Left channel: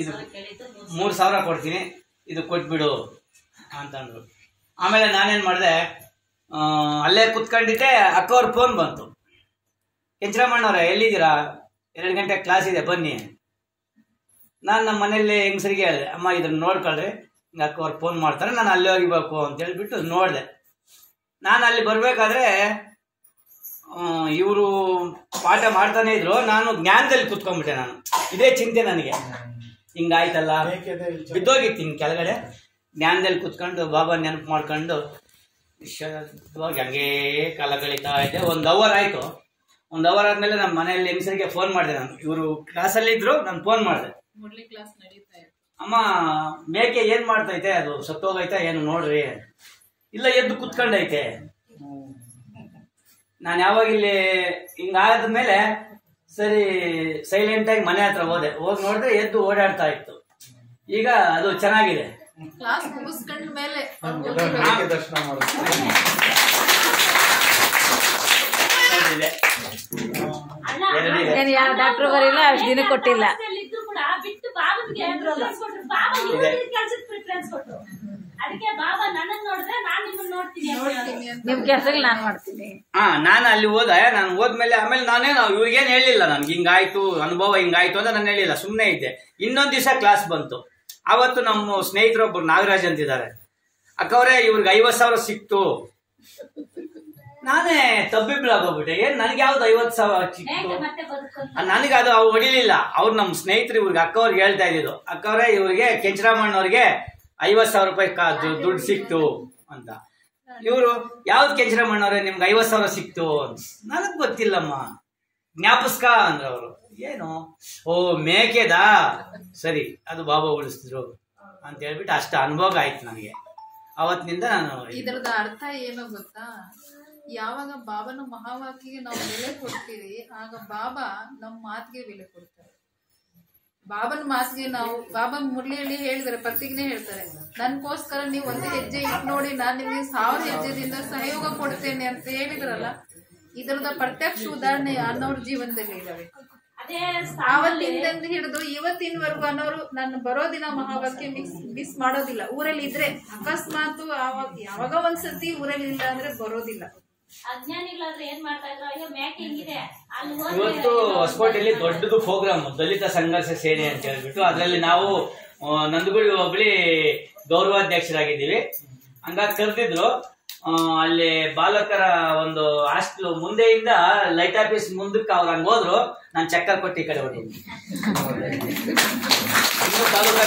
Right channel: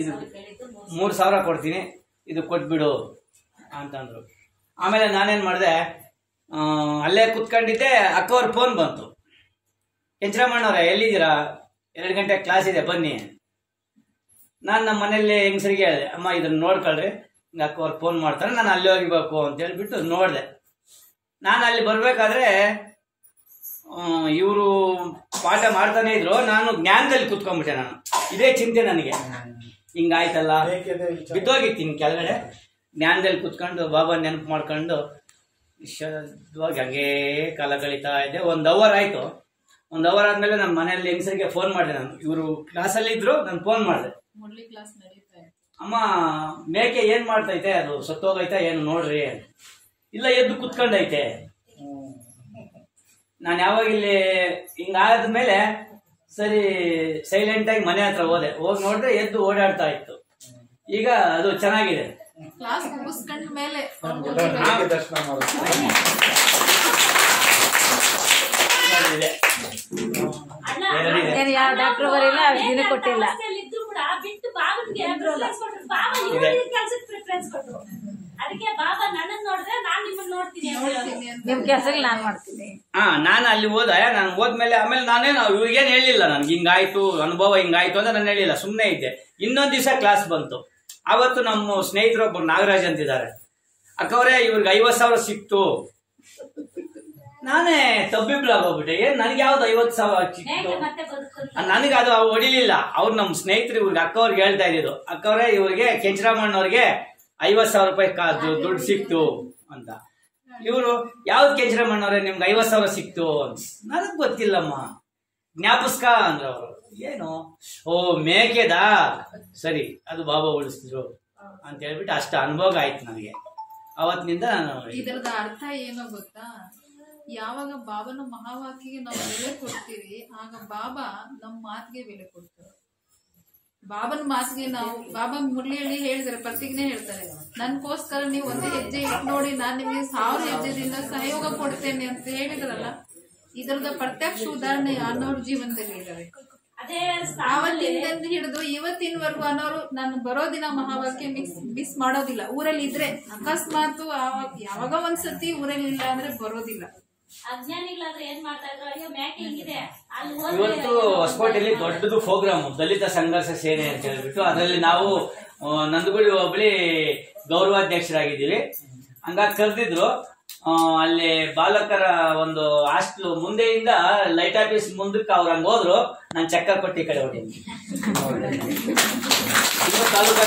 ಇದು 3,000 ಕೊಡ್ತೀನಿ, ಇದು ಕೊಟ್ಬಿಡು ಅಂತಂದ್ರು. ಆಮೇಲೆ ನಾನೇನು ಮಾಡಿದೆ, ಅಲ್ಲೇ ಕುತ್ಕೊಂಡಿದ್ದೆ. ಅಕ್ಕವ್ರ ಫೋನ್ ಬಂತು, ಕೆಂಚರಾಮಣ್ಣವ್ರೆ ಎಲ್ಲಿದ್ದೀರಾ, 2 ಗಂಟೆ ಕ್ಲಾಸ್ ಇದೆ ಬನ್ನಿ. ನಾನು ನಮ್ಮ ಮನೇಲಿ ಹೆಂಗಸರಿಗೆ ಹೇಳಿದೆ, ಅಮ್ಮ ಇದನ್ನು ನೋಡ್ಕೊಳ್ರಿ, ಹಿಂಗೆ ಅಕ್ಕವ್ರು ಫೋನ್ ಮಾಡ್ತಾರೆ, ನಾನು ಅಲ್ಲಿ ಹೋಗಿಬೇಕು ಅಂತ ಹೇಳ್ಬಿಟ್ಟು ನೋಡಿದೆ. ನಾನು ಅಲ್ಲಿ ಬರಬೇಕಾದ್ರೆ ಇವರು ಪಾಠ ಮಾಡ್ತಾನೆ ಇದ್ರು, ನಾನು ಜ್ಞಾನದಲ್ಲಿ ಕುತ್ಕೊಂಡ್ಬಿಟ್ಟೆ. ನಾನು ಇದೇ ಚಿಂತೆ ನನಗೆ, ಹಿಂಗಾಯ್ತಲ್ಲ, ಬಿದ್ದೋಗಿತ್ತು ಹಿಂಗೆ ಕೆಳಗಡೆ. ಜ್ಞಾನದಲ್ಲಿ ಕುತ್ಕೊಂಡು ಬಾಬಾ ನೆನಪು ಮಾಡ್ಕೊಂಡು ಇವಾಗ ಹಂಗೇ ಕಾಲ ಕಳೀತಾ ಇದ್ದೆ. 1 ಅವರ್ ಆಯಿತು. 1 ಅವರ್ ಆದಮೇಲೆ ನಮ್ಮ ಮನೆಯಲ್ಲಿ ಹೆಂಗಸರಿಗೆ ಫೋನ್ ಮಾಡಿದೆ. ನಾನು ಇವರು ಕ್ಲಾಸಲ್ಲಿ ಇದ್ರು, ನಾನು ಫೋನ್ ಮಾಡಿದೆ. ಅಮ್ಮ ಮೇಕೆ ಏನು ಮಾಡ್ತೈತೆ, ಅದು ಸತ್ತೋಗೈತೆ ಏನು ನೋಡ್ರಿ. ಇಲ್ಲ ಎದ್ದು ಕುತ್ಕೊಂಡೈತೆ. ನಾನು ಯಾವಾಗ ಇಲ್ಲಿ ಹಿಂಗಾದ್ಮೇಲೆ ಸರಿ ಸೈಲೆಂಟಾಗಿ ಮನೆ ಹತ್ರ ಹೋದೆ. ಹೋಗಿ ನೋಡಿದ್ರೆ ಎದ್ದು ಓಡಾಡ್ತಾ ಇತ್ತು. ಈಗ ಅದು ಚೆನ್ನಾಗಿದೆ. ಕ್ಲಾಸ್ ಮುಗಿಸ್ಕೊಂಡ ಮೇಲೆ ಡಾಕ್ಟರ್ ಬರಿಲ್ಲ, ದಿನ ಕೊಟ್ಟಿಲ್ಲ. ಅದಕ್ಕೆ ಬಾಬಾ ನನಗ್ ನೋಡಿದ್ರೆ ನಾನ್ ನಿಮ್ಮನ್ನ ನೋಡ್ತೀನಿ, ನಿಮ್ ಕೆಲಸ ನಾನ್ ಮಾಡ್ತೀನಿ. ನಾನು ಅಲ್ಲಿ ಹೋದೆ. ನಾನು ಹೋದ್ಮೇಲೆ ಆಮೇಲೆ ಇವ್ರಿಗೇನು ಹೇಳಿಲ್ಲ, ನನ್ಗೆ ಹಿಂಗಾಯ್ತು ಅನುಭವ ಹಿಂಗಾಯ್ತು ಅಂತ ನಾನು ಹೇಳಿಲ್ಲ, ಸುಮ್ಮನೆ ಇದ್ದೆ. ಇನ್ನೊಂದು ದಿವಸ ಕ್ಲಾಸ್ ಬಂತು. ಆವತ್ತು ನಮ್ಮ ಸ್ನೇಹಿತರೊಬ್ಬರು ನಾಗರಾಜ್ ಅಂತಿದ್ದಾರೆ. ಅಕ್ಕವ್ರೆ ಇವ್ರಿಗೆ 50,000 ಸಿಕ್ತು. ನಾನೇ ತಬ್ಬಿಬ್ಲಾಗೋಗ್ಬಿಟ್ಟೆ. ಏನ್ ನನಗೆ ಯಾವ್ದು 50,000 ಸಿಕ್ತು, ನನಗೆ ಅದು ಹೊಡಿಲಿಲ್ಲ. ಅವ್ರು ನಮ್ಮ ಸ್ನೇಹಿತರು ಇವ್ರಿಗೆ ಅಕ್ಕವ್ರಿಗೆ ಹೇಳ್ತಾ ಇದ್ದಿದ್ದು, ಅಕ್ಕವ್ರೆ ಇವ್ರಿಗೆ ಕೆಂಚರಾಮಣ್ಣವ್ರಿಗೆ 50,000 ರೂಪಾಯಿ ದುಡ್ಡು ಸಿಕ್ತು ಅಂತ. ಇವರು ಯಾವ್ದು ಕೆಂಚರಾಮಣ್ಣವ್ರೆ ನಿಮ್ಗೆ 50,000 ಸಿಕ್ತು ಅಂತ. ನನಗ್ ಗೊತ್ತಿಲ್ಲಮ್ಮ, ಜ್ಞಾಪಿಸ್ಕ ಅಂದ್ರ ಅವರು. ಏನು, ಓ ಮೇಕೆದಾ, ಸರಿ ಅದು ಬಾಬಾ ಉಳಿಸಿದ್ರು ಅಂತ ಹೇಳ್ಬಿಟ್ಟು ಅಷ್ಟು ಅನುಭವ ಆಯ್ತು ನನಗೆ. ಅವತ್ತಿನಿಂದ ನಾನು ಇದರದ ಅರ್ಥ ಏನೋ ಗೊತ್ತಾ, ಯಾವಾಗ ಬಾಬನ ಮಹಾವಾಕ್ಯಗೆ ನಾವು ಬೆಲೆ ಕೊಡ್ತೀವಿ, ಆಗ ಬಾಬಾ ನಮ್ಮ ಮಾತಿಗೆ ಬೆಲೆ ಕೊಡ್ತಾರೆ. ಬಾಬನ ಮಾತಿಗೆ ನಾವು, ಬಾಬಾ ಮುರಳಿಯಲ್ಲಿ ಹೇಳಿದಾರೆ, ಪ್ರತಿಜ್ಞೆ ಹೇಳ್ತಾರೆ, ನನ್ಗೋಸ್ಕರ ನೀವು 1 ಹೆಜ್ಜೆ ಇಟ್ಟು ನೋಡಿ, ನಾನು ನಿಮಗೆ 1000 ಹೆಜ್ಜೆದಿಂದ ಸಹಯೋಗ ಕೊಡ್ತೇನೆ ಅಂತ ಹೇಳಿದ್ರಲ್ಲ. ಇದರದ ಪ್ರತ್ಯಕ್ಷ ಉದಾಹರಣೆ ಅನ್ನೋರ್ ಜೀವನದಲ್ಲಿ ಇದಾವೆ. ಆವತ್ತಿಂದ ಹಿಡಿದು ಇವತ್ತಿನವರೆಗೂ ಅನ್ನೋರು ನಾನು ಬರೋ ದಿನ ಮಹಾವಾಕ್ಯ ಮಿಸ್ ಮಾಡೋದಿಲ್ಲ. ಊರಲ್ಲಿ ಇದ್ರೆ ಅಕಸ್ಮಾತ್ ಯಾವಾಗ ಒಂದ್ಸತಿ ಊರಲ್ಲಿ ಇಲ್ಲ ಅಂದ್ರೆ ಬರೋದಿಲ್ಲ. ಅಜ್ಞಾನಿಗಳಾದ್ರೆ ಏನ್ ಮಾಡ್ತಾ ಇದ್ರು, ಅಯ್ಯೋ ಮೇಕೆ ಹಿಂಗಿದೆ ಅಲ್ಲಿ. ಇವತ್ತು ಹೊಸಕೋಟೆಯಲ್ಲಿ ದೊಡ್ಡದು ಪ್ರೋಗ್ರಾಮ್ ದಲಿತ ಸಂಘರ್ಷ ಸೇನೆ ಅಂತ ಹೇಳ್ಬಿಟ್ಟು, ಅದರಲ್ಲಿ ನಾವು ನಂದಗುಳಿ ಹೋಬಳಿ ಗೌರವಾಧ್ಯಕ್ಷರಾಗಿದ್ದೀವಿ. ಹಂಗಾಗಿ ಕರೆದಿದ್ರು. ಅಲ್ಲಿ ಬಾಲಕರ ಒಂದು ಹಾಸ್ಟೆಲ್ ಮುಂದೆಯಿಂದ ಲೈಟ್ ಆಫೀಸ್ ಮುಂದಕ್ಕೆ ಅವ್ರು ಹಂಗೆ ಹೋದ್ರು. ನಾನು ಚಕ್ಕರ್ ಕೊಟ್ಟು ಈ ಕಡೆ ಹೊಟ್ಟೀನಿ. ತಾಲೂಕು